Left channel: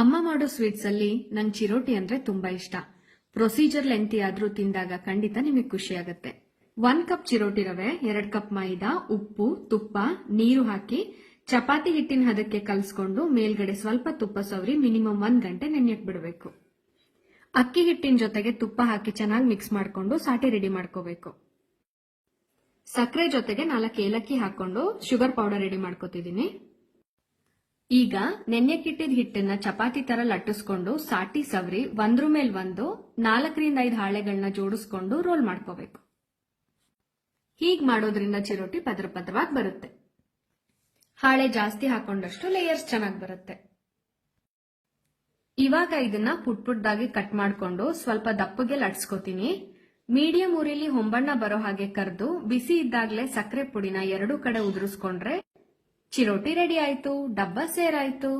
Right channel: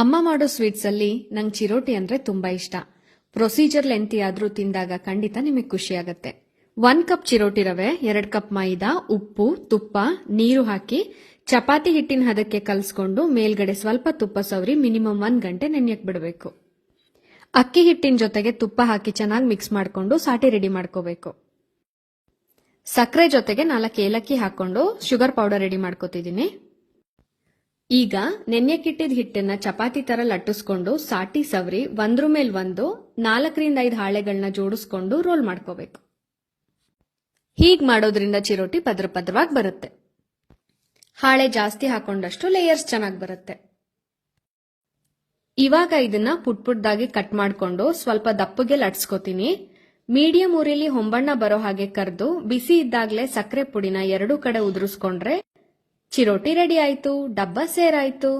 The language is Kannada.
ಅಮ್ಮ ಮಾಡೋ ಸ್ವೀಟ್ಸ್ ಅಲ್ಲಿ ನಂಗೆ ಚಿರೋಟಿ ಅಂದ್ರೆ ತುಂಬಾ ಇಷ್ಟ. ಪ್ರೊಸೀಜರ್ ಲೆಂತಿ ಆದ್ರೂ ತಿಂದಾಗ ಖಂಡಿತ ನಿಮಗೆ ಖುಷಿ ಆಗುತ್ತೆ. 1 ಕಪ್ ಚಿರೋಟಿ ರವೆ, 2 ಕಪ್ ಮೈದಾ, ಉಪ್ಪು, ತುಪ್ಪ, ನೀರು ಹಾಕಿ ಚಪಾತಿ ಹಿಟ್ಟಿನ ಹದಕ್ಕೆ ಕಲಸ್ಕೊಂಡು ಮೇಲ್ಗಡೆ ಸ್ವಲ್ಪ ತುಪ್ಪ ಸವರಿ ಮಿನಿಮಮ್ 1 ಗಂಟೆ ನೆನೆಯಕ್ ಬಿಡಬೇಕು. ಅಕ್ಕಿ ಹಿಟ್ಟಿನ ಜೊತೆಗೆ ತುಪ್ಪ ಹಾಕಿ ಚೆನ್ನಾಗಿ ಮಿಕ್ಸ್ ಮಾಡ್ಕೊಂಡು ಸಾಟಿ ರೆಡಿ ಮಾಡ್ಕೋಬೇಕು. ಸಕ್ಕರೆ ಜೊತೆಗೆ 4 ಏಲಕ್ಕಿ ಹಾಕೊಂಡು ಶುಗರ್ ಪೌಡರ್ ರೆಡಿ ಮಾಡ್ಕೋತಿದ್ದೀನಿ. ಈಗ ನೆನ್ಯಕ್ಕಿಟ್ಟಿದ ಹಿಟ್ಟನ್ನ ಚಪಾತಿ ತರ ಲಟ್ಟಿಸ್ಕೊಂಡು ಸಾಟಿ ಸವರಿ ಒಂದ್ರ ಮೇಲ್ ಒಂದು 4 ರಿಂದ 5 ಹಾಳೆಗಳನ್ನ ಜೋಡಿಸ್ಕೊಂಡು ರೋಲ್ ಮಾಡ್ಕೋಬೇಕು. ಹೀಗ್ ಮಾಡೋದ್ರಿಂದ ಚಿರೋಟಿ ಪದ್ರ ಪದ್ರವಾಗಿ ಬರುತ್ತೆ. ಹಾಳೆ ಜಾಸ್ತಿ ಹಾಕೊಂಡಷ್ಟು ಲೇಯರ್ಸ್ ಚೆನ್ನಾಗಿ ಬರುತ್ತೆ. ಇವಾಗ ಇದನ್ನ ಪುಟ್ದಾಗಿ ಕಟ್ ಮಾಡ್ಕೊಂಡು ಸ್ವಲ್ಪ ದಪ್ಪಗೆ ಲಟ್ಸ್ಕೋತೀನಿ. ಮೀಡಿಯಂ ಉರಿಲಿ ಹೊಂಬಣ್ಣ ಬರೋ ಹಾಗೆ ಕರೆದು ಬಿಸಿ ಇದ್ದಾಗಲೇ ಸಕ್ಕರೆ ಪುಡಿನ 2 ಕಡೆ ಉದುರಿಸ್ಕೊಂಡ್ರೆ ಚಿರೋಟಿ ರೆಡಿ ಆಯ್ತು, ಡಬ್ಬ ಸೇರಾಯ್ತು.